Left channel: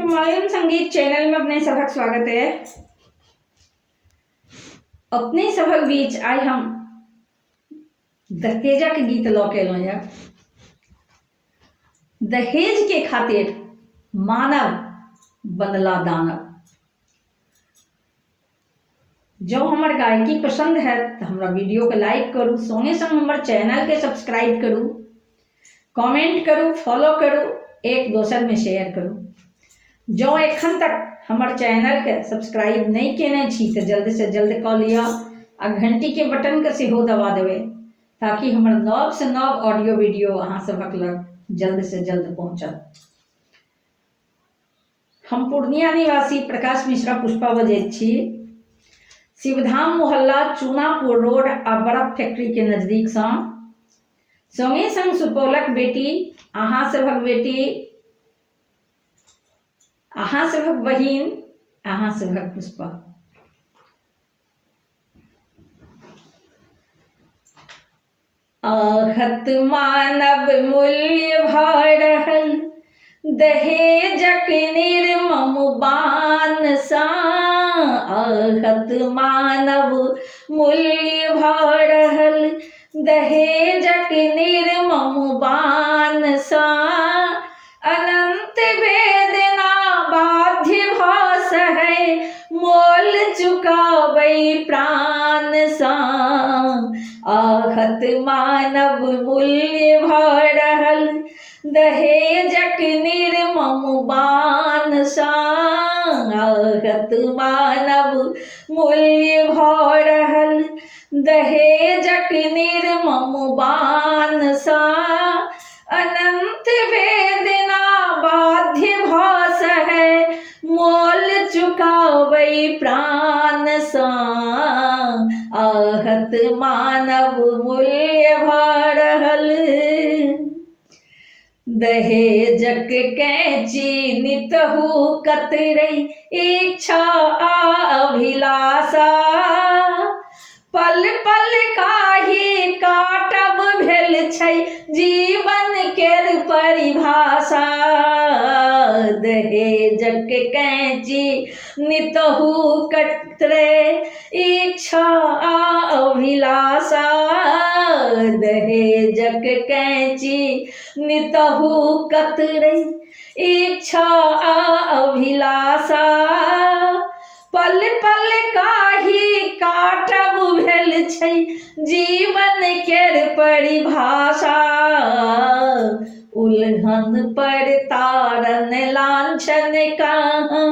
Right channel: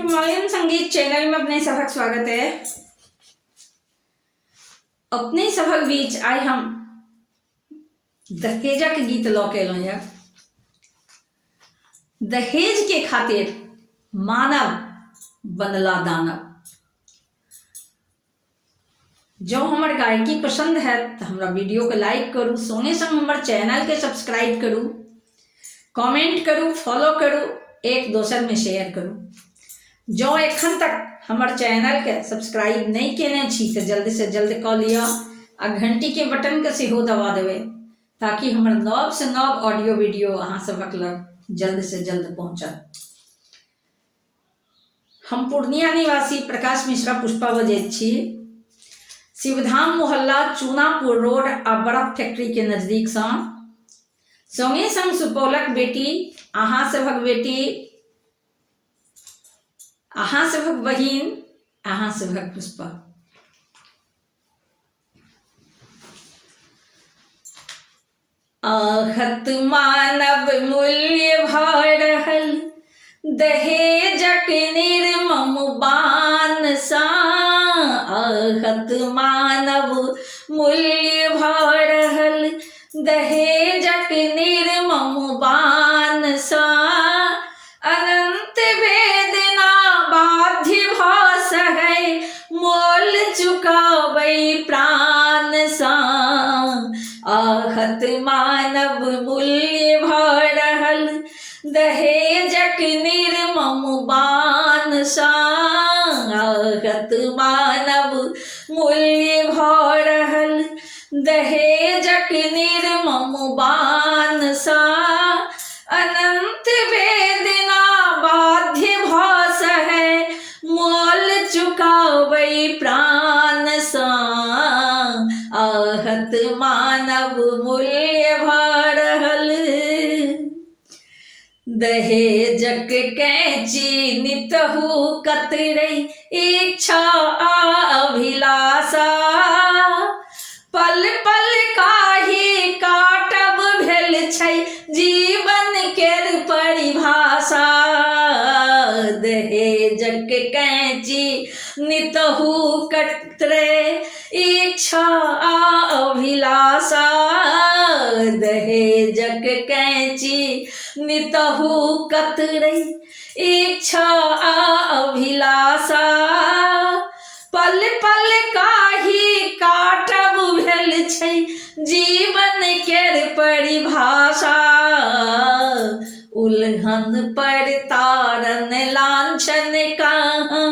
Himalayan संगीत channel में अपने सभक स्वागत है। अपने सभक बीच आज हम दहेजा के गीत लौके लो यार। दहेज के खातिर मानव बनला दानव। जो हमार गायकी पसंद है तो हमारा वीडियो के लाइक करूँ, संगे संग हमारे चैनल के सब्सक्राइब करूँ, कमेंट करूँ, फॉलो करूँ, एक दोसर में शेयर करूँ। जो एखन तक हमारे चैनल के सब्सक्राइब नहीं केने छी तो जल्दी से जल्द कऽ लिया आ घंटी के बटन के सेहो दबा देवे ताकि हमारे नव से नव ऑडियो वीडियो अहाँ सबक लग जल्द से जल्द पहुँचत। हम पूर्णिया निवासी प्रकाश मिश्रा पुष्पा बजैत छी। शिवधाम मोहल्ला चूनापुर रोड आ बर्फ फैक्ट्री के नजदीक संगे संग सुपौलक बेटी, अहाँ सभक बेटी, अहाँ सभक बहिन, अहाँ सभक पुष्पा। आहत मानव मूल्य भऽ रहल दहेजक निर्मम बान सा। आहत मानव मूल्य भऽ रहल दहेजक निर्मम बान सा। अनंत वेदना बाध्य भऽ सहै मोल चुकाबै प्राण सा। आहत मानव मूल्य भऽ रहल दहेजक निर्मम बान सा। आहत मानव मूल्य भऽ रहल दहेजक निर्मम बान सा। अनंत वेदना बाध्य भऽ सहै मोल चुकाबै प्राण सा। आहत मानव मूल्य भऽ रहल दहेजक कैंची नितहु कतरै इच्छा आ अभिलाषा। पल पल काही काटब भेल छै जीवन केर परिभाषा। दहेजक कैंची नितहु कतरै इच्छा आ अभिलाषा। दहेजक कैंची नितहु कतरै इच्छा आ अभिलाषा। पल पल काही काटब भेल छै जीवन केर परिभाषा। उल्हन पर तारन लांछन कहाँ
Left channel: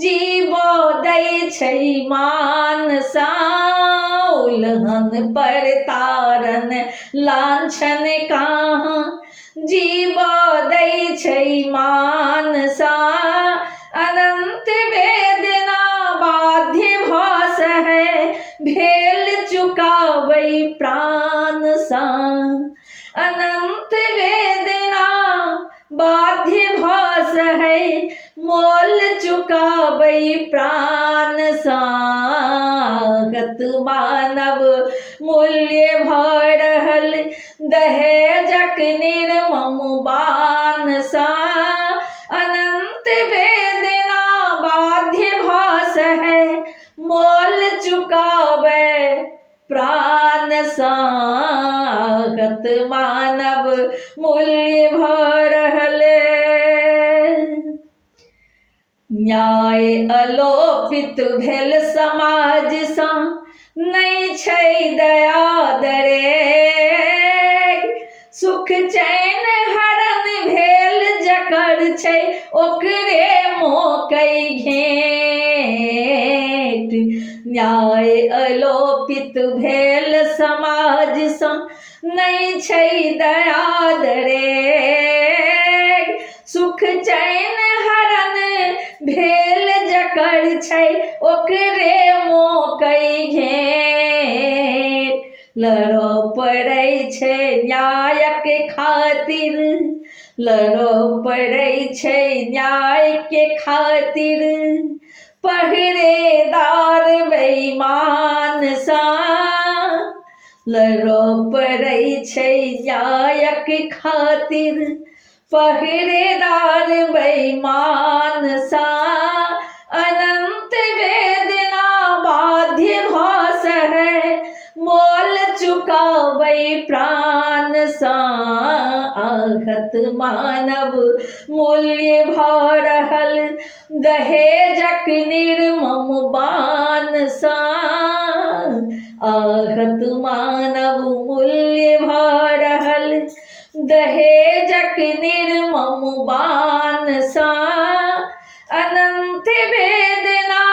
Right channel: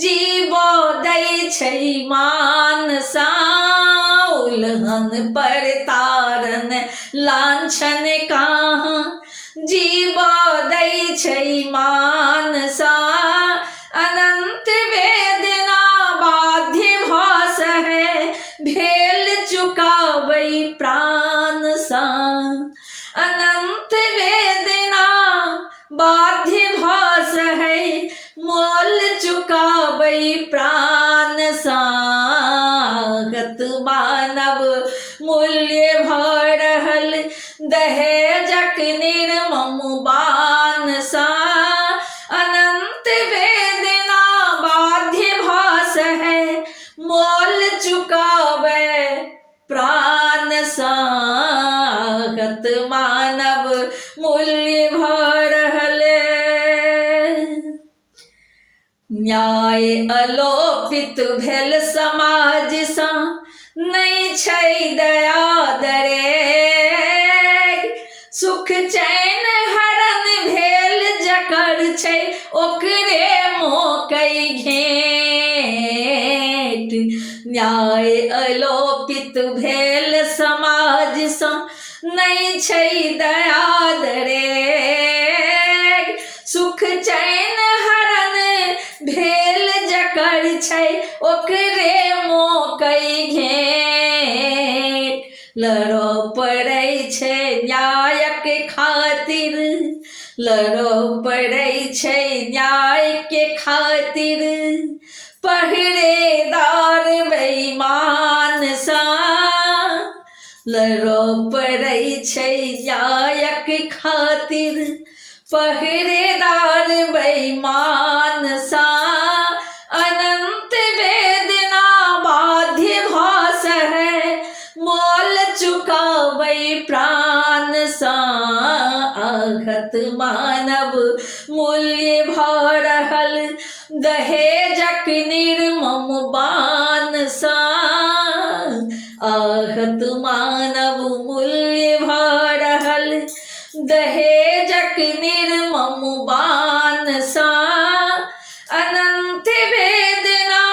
जीवो दै छै मान सा। उल्हन पर तारन लांछन कहाँ जीवो दै छै मान सा। अनंत वेदना बाध्य भऽ सहै भेल चुकाबै प्राण सा। अनंत वेदना बाध्य भऽ सहै मोल चुकाबै प्राण सा। आहत मानव मूल्य भऽ रहल दहेजक निर्मम बान सा। अनंत वेदना बाध्य भऽ सहै मोल चुकाबै प्राण सा। आहत मानव मूल्य भऽ रहल न्याय अलोपित भेल समाज सा। नहि छै दया दरे सुख चैन हरण भेल जकर छै ओकरे मोकै घेट। न्याय अलोपित भेल समाज सा नहि छै दया दरे सुख चैन हरण भेल जकर छै ओकरे मोकै घेट। लड़ो पड़ै छै न्यायक खातिर, लड़ो पड़ै छै न्याय के खातिर। पहरेदार बेईमान सा। लड़ो पड़ै छै न्यायक खातिर पहरेदार बेईमान सा, अनंत वेदना बाध्य भास है, मोल चुकावै प्राण सा, आघत मानव मूल्य भरहल, दहेजक निर्मम बान सा, आघत मानव मूल्य भरहल, दहेजक निर्मम बान सा, अनंत वेदना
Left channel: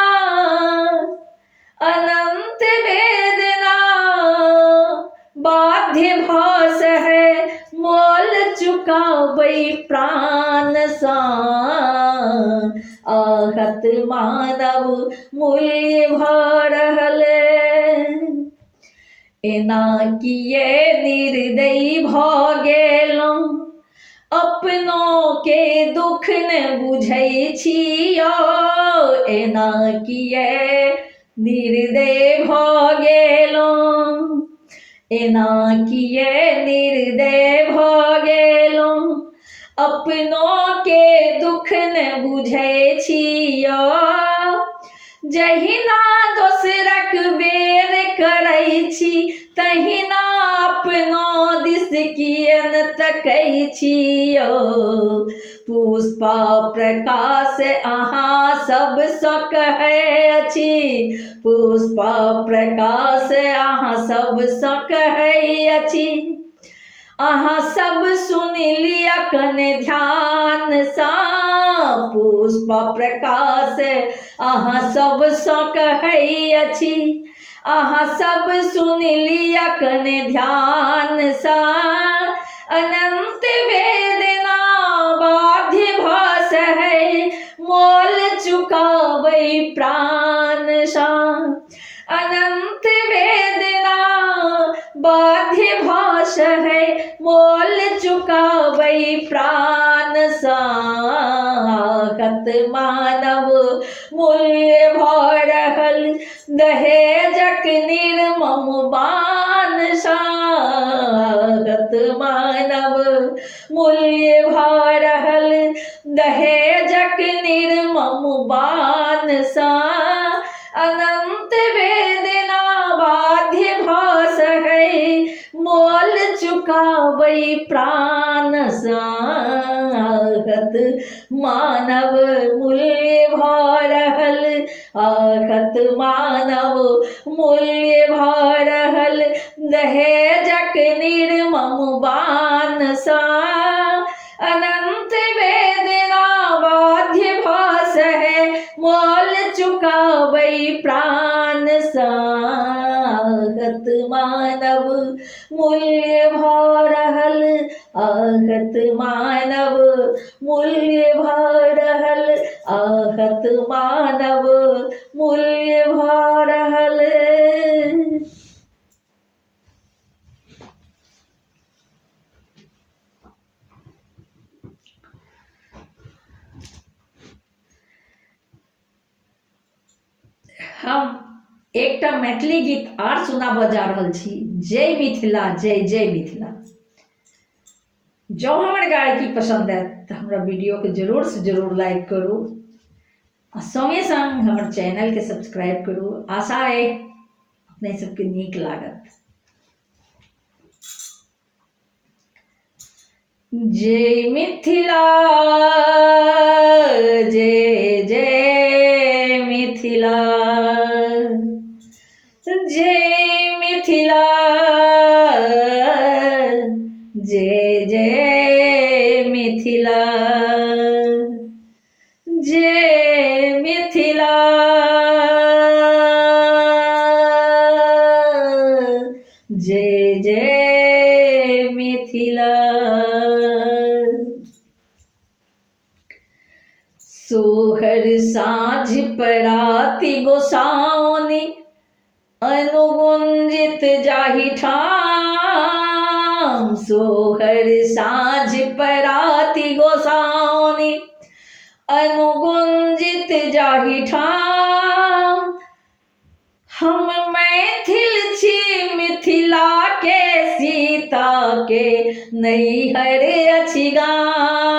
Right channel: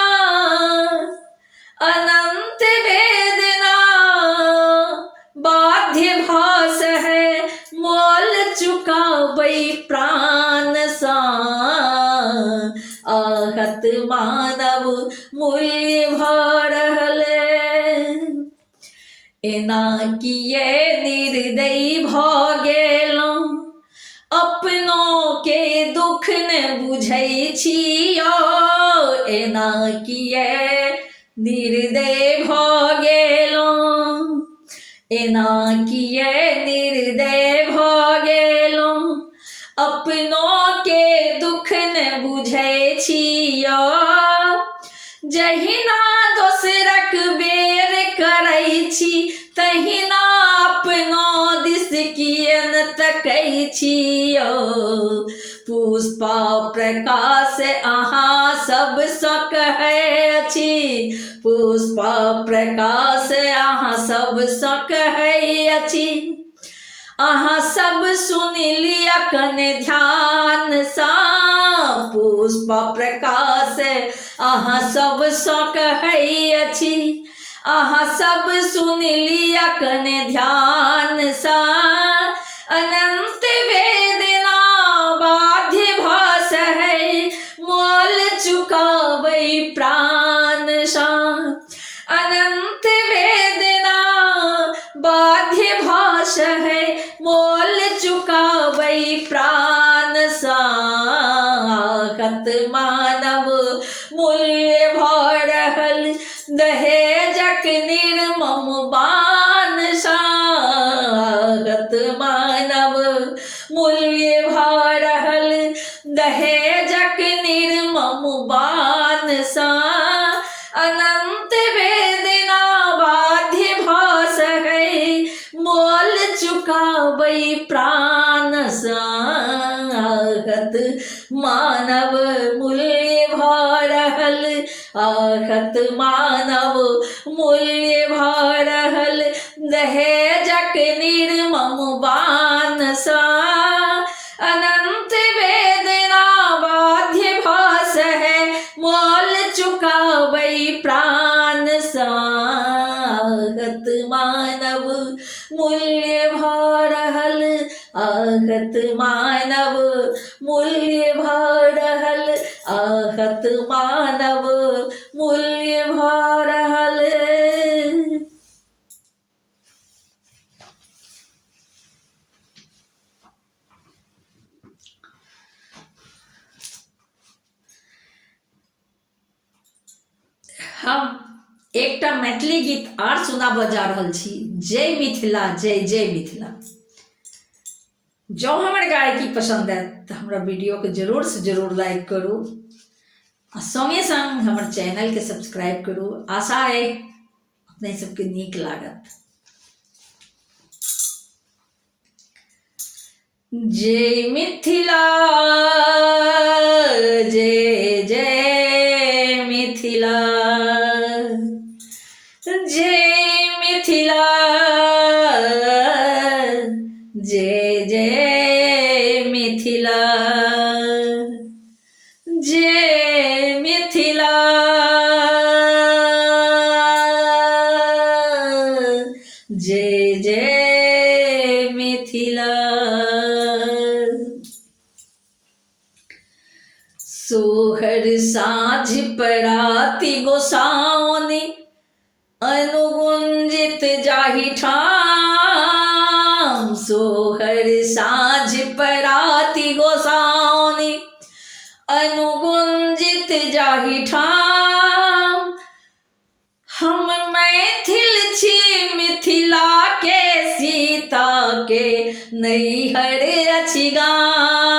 बाध्य भास है, मोल चुकावै प्राण सा, आहत मानव मूल्य भरहल। एना किए निर्दयी भ गेलौं, अपनों के दुख ने बुझै छियो, एना किए निर्दय भ गेलौं, एना किए निर्दय भ गेलौं, अपनों के दुख ने बुझै छियो, जहिना दोसरक बेर करै छी, तहिना अपनो दिस कियन तकै छियो, पुष्पा प्रकाश अहाँ सब सँ कहै अछि, पुष्पा प्रकाश अहाँ सब सँ कहै अछि, अहाँ सब सुन लिअ कन ध्यान सा, पुष्पा प्रकाश अहाँ सब सँ कहै अछि, अहाँ सब सुन लिअ कन ध्यान सा, अनंत वेदना बाध्य भास है, मोल चुकावै प्राण सा, अनंत वेदना बाध्य भास है, मोल चुकावै प्राण सा, आघत मानव मूल्य भरहल, दहेजक निर्मम बान सा, आघत मानव मूल्य भरहल, दहेजक निर्मम बान सा, अनंत वेदना बाध्य भास है, मोल चुकावै प्राण सा, आघत मानव मूल्य भरहल, आघत मानव मूल्य भरहल, दहेजक निर्मम बान सा, अनंत वेदना बाध्य भास है, मोल चुकावै प्राण सा, आघत मानव मूल्य भरहल, आघत मानव मूल्य भरहल, आघत मानव मूल्य भरहल। हम एकटा मैथिली गीत आर सुनाबऽ जा रहल छी, जय मिथिला, जय जय मिथिला। जँ हमर गायकी पसंद आयत तऽ हमरा वीडियो के जरूर से जरूर लाइक करू, आ संगे संग हमर चैनल के सब्सक्राइब करू। आशा है अपने सबके नीक लागत। जय मिथिला, जय जय मिथिला, जय मिथिला, जय जय मिथिला, जय मिथिला, जय जय मिथिला। सोहर साँझ पराती गोसाउनि, अनुगुंजित जाहि ठाम, सोहर साँझ पराती गोसाउनि, अनुगुंजित जाहि ठाम। हम मैथिल छी मिथिला के, सीता के नैहर अछि गाम।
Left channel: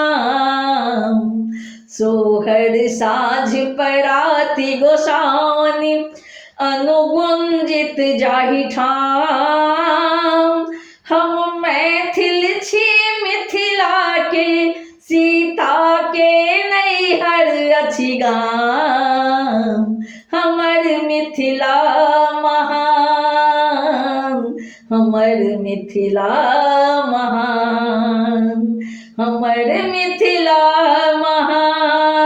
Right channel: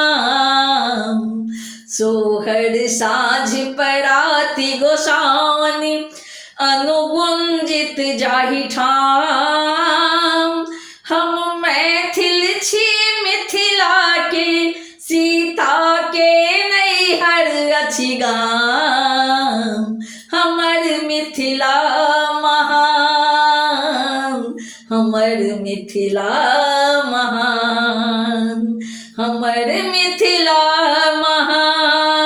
हमर मिथिला महान, हमर मिथिला महान,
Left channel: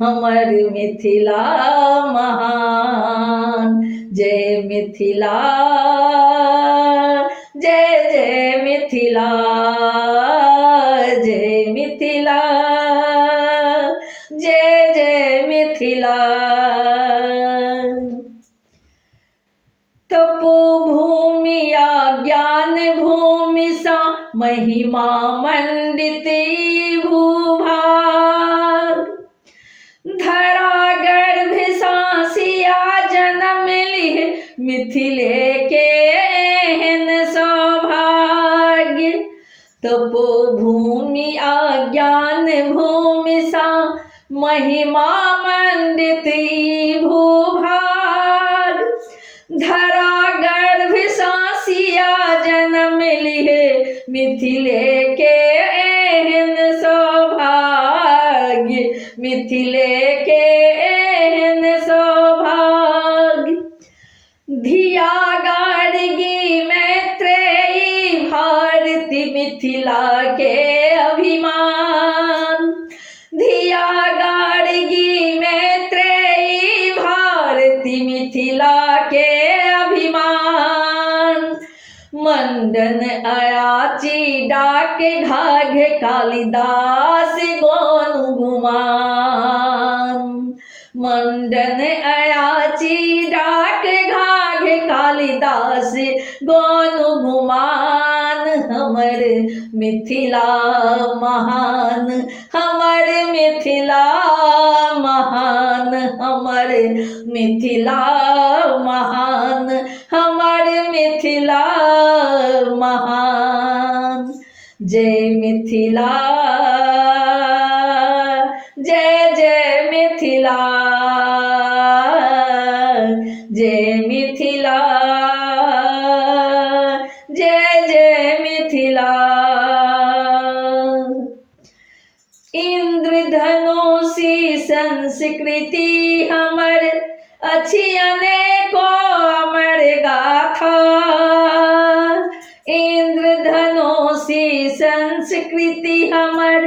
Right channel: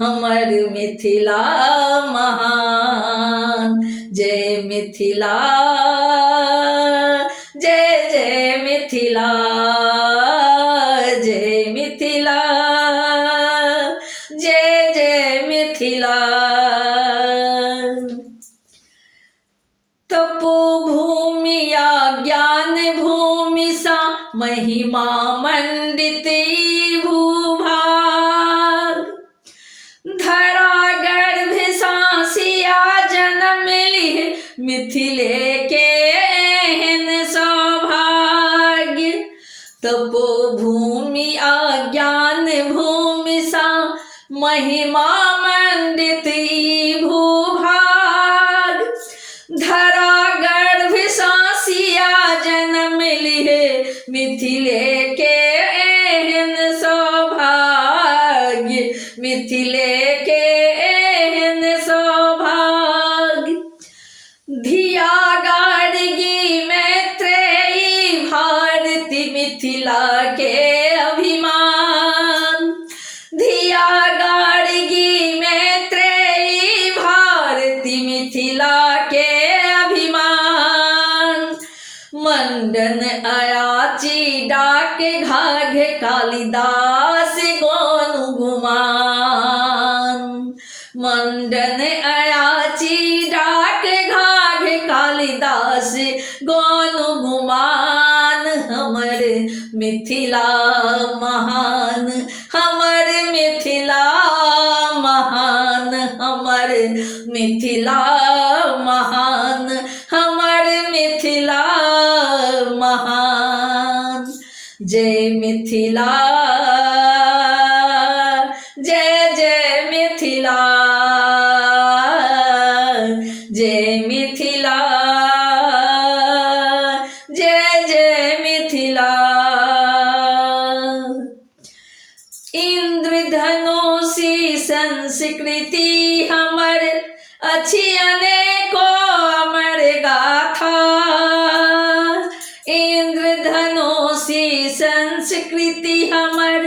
हमर मिथिला महान। जय मिथिला, जय जय मिथिला, जय मिथिला, जय जय मिथिला। तपोभूमि या ज्ञान भूमि सा महिमा मंडित भूभाग, धरा गर्भ सांसिया जन्म लिह मिथिले के एहन सौभाग्य। तपोभूमि आ ज्ञान भूमि सा महिमा मंडित भूभाग, धरा गर्भ सांसिया जन्म लिहे मिथिले के एहन सौभाग्य, मिथिले के एहन सौभाग्य। धिया गार्गी मैत्रेयी भारती मिथिला के अभिमान, धिया गार्गी मैत्रेयी भारती मिथिला के अभिमान। मंडन अयाची डाक घाघ कालिदास गोनु गुमान, मंडन अयाची डाक घाघ कालिदास गोनु गुमान। हमर मिथिला महान, हमर मिथिला महान, हमर मिथिला महान, हमर मिथिला महान। जय मिथिला, जय जय मिथिला, जय मिथिला, जय जय मिथिला। इंद्रधनुषी संस्कृति हमर अछि अनेको अमर गाथा, इंद्रधनुषी संस्कृति हमर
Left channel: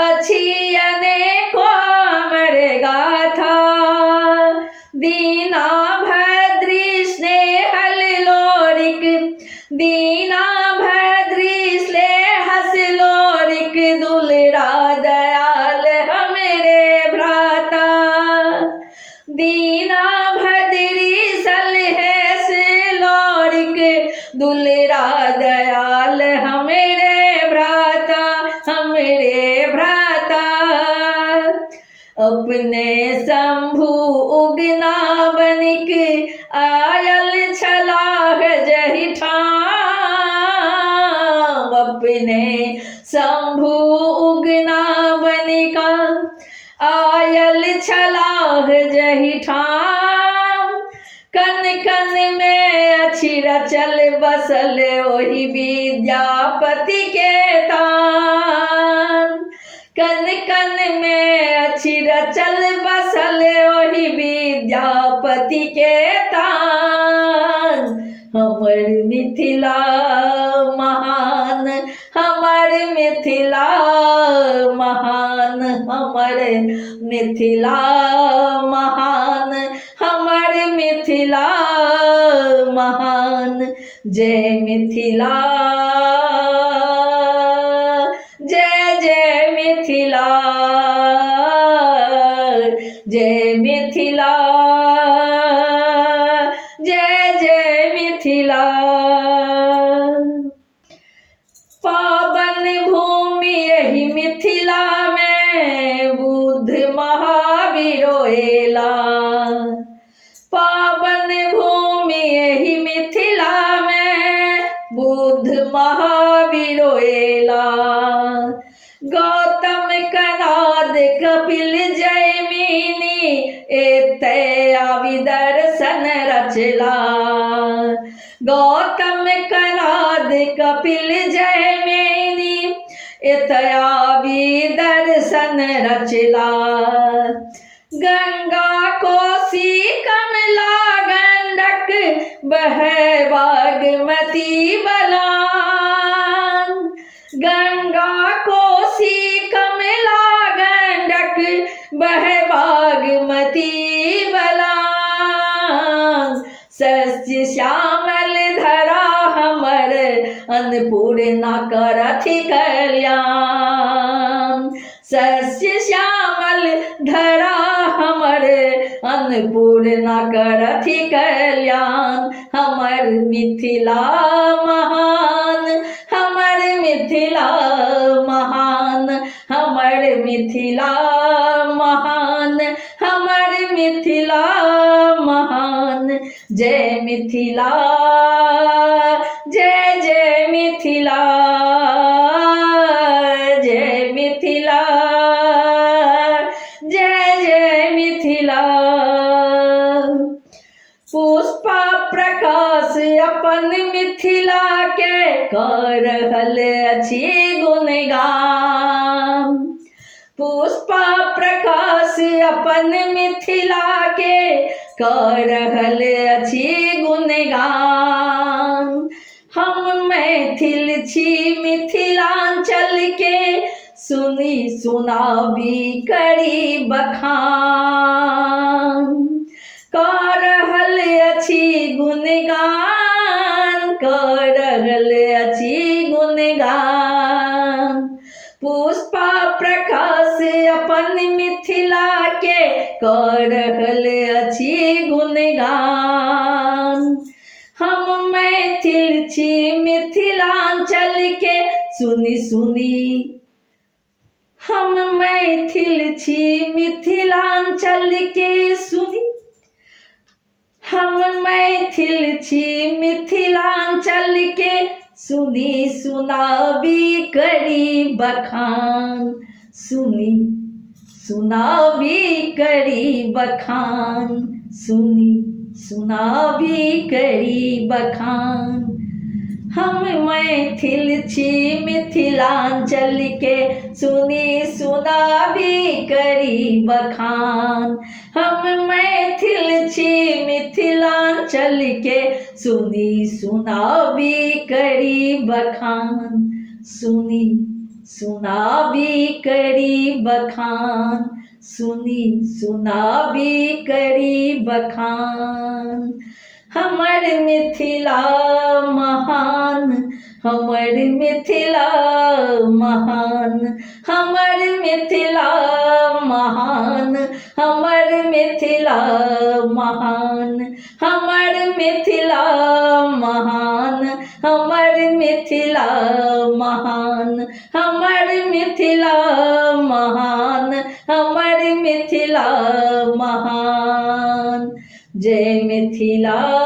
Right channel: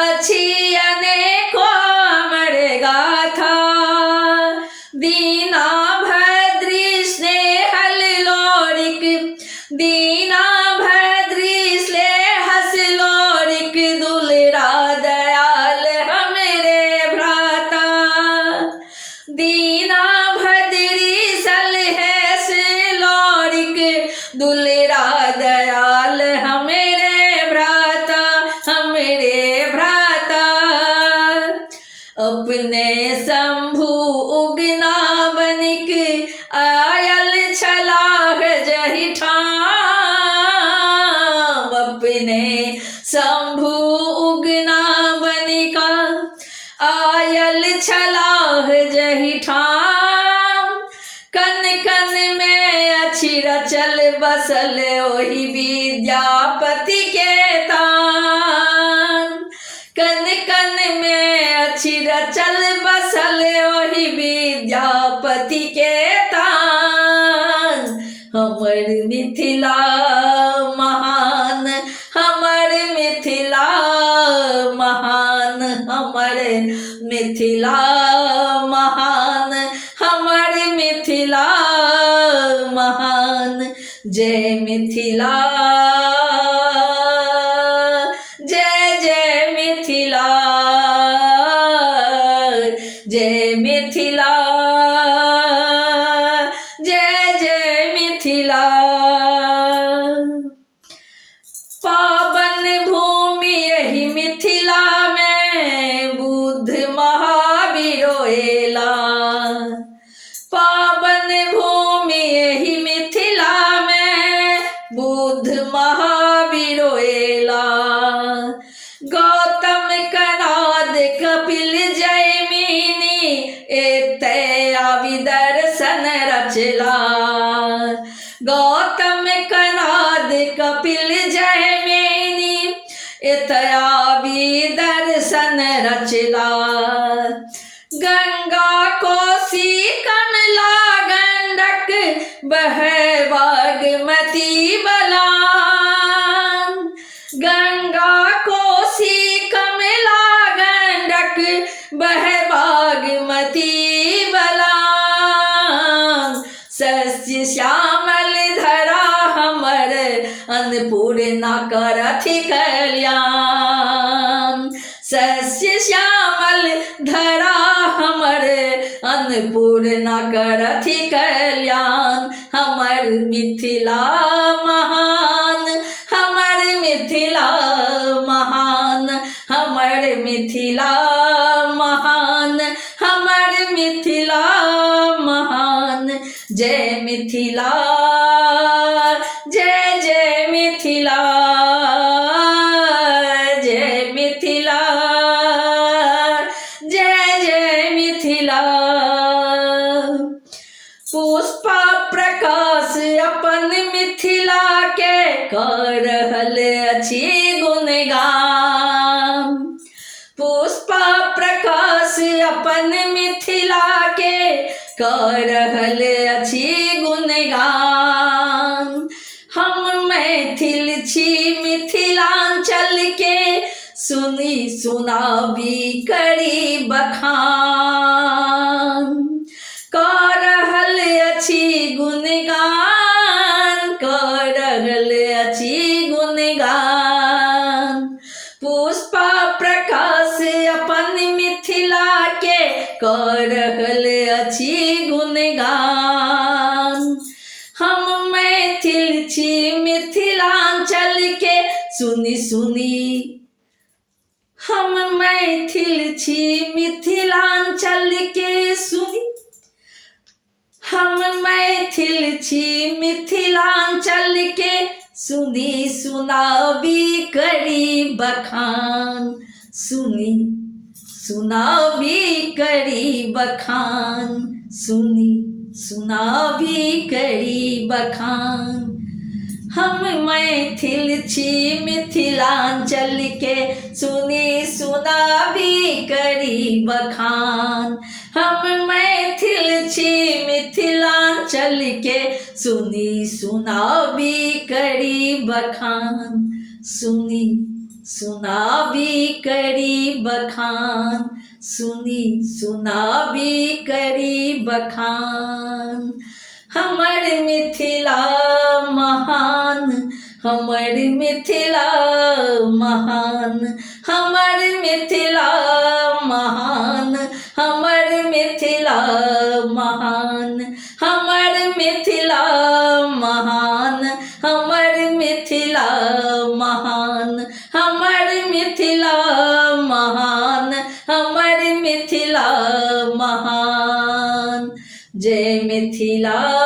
अछि अनेको अमर गाथा। दीना भद्री स्नेहल लोरिक, दीना भद्री स्नेहस लोरिक, दुलरा दयाल हमरे भ्राता। दीना भद्री सलहेस लोरिक, दुलरा दयाल हमरे भ्राता, हमरे भ्राता। अपने शंभु उगना बनिक आयल छलाह जहि ठाम, अपने शंभु उगना बनिका आयल छलाह जहि ठाम। कन कन में अछि रचल बसल ओहि विद्यापति के तान, कन कन में अछि रचल बसल ओहि विद्यापति के तान। हमर मिथिला महान, हमर मिथिला महान, हमर मिथिला महान, हमर मिथिला महान। जय मिथिला, जय जय मिथिला, जय मिथिला, जय जय मिथिला। पावन भूमि यही मिथिला में बुद्ध महावीर एला, पावन भूमि यही मिथिला में बुद्ध महावीर एला। गौतम कनाद कपिल जैमिनी एतया विदर्शन रचला, गौतम कनाद कपिल जैमिनी एतया विदर्शन रचला। गंगा कोसी कमला गंडक बहै बाग अन्नपूर्णा करथि कल्याण। शस्य श्यामल धरा हमर अन्नपूर्णा करथि कल्याण। हमर मिथिला महान, हमर मिथिला महान, हमर मिथिला महान, हमर मिथिला महान। जय मिथिला, जय जय मिथिला, जय मिथिला, जय जय मिथिला। पुष्पा प्रकाश अपन मिथिला के कर रहल अछि गुणगान। पुष्पा प्रकाश अपन मिथिला के कर रहल अछि गुणगान। हम मैथिल छी मिथिलांचल के, सुनी सुनाबी करी बखान। कर रहल अछि गुणगान, कर रहल अछि गुणगान। पुष्पा प्रकाश अपन मिथिला के कर रहल अछि गुणगान। हम मैथिल छी मिथिलांचल के, सुनी सुनी, हम मैथिल छी मिथिलांचल के, सुनी, हम मैथिल छी मिथिलांचल के, सुनी सुनाबी करी बखान। सुनी सुनाबी करी बखान, सुनी सुनाबी करी बखान। हम मैथिल छी मिथिलांचल के, सुनी सुनाबी करी बखान। हम मैथिल छी मिथिलांचल के, सुनी सुनाबी करी बखान। सुनी सुनाबी करी बखान, सुनी सुनाबी करी बखान। हमर मिथिला महान, हमर मिथिला महान, हमर मिथिला महान, हमर मिथिला महान, हमर मिथिला महान, हमर मिथिला महान, हमर मिथिला महान, हमर मिथिला महान। जय मिथिला।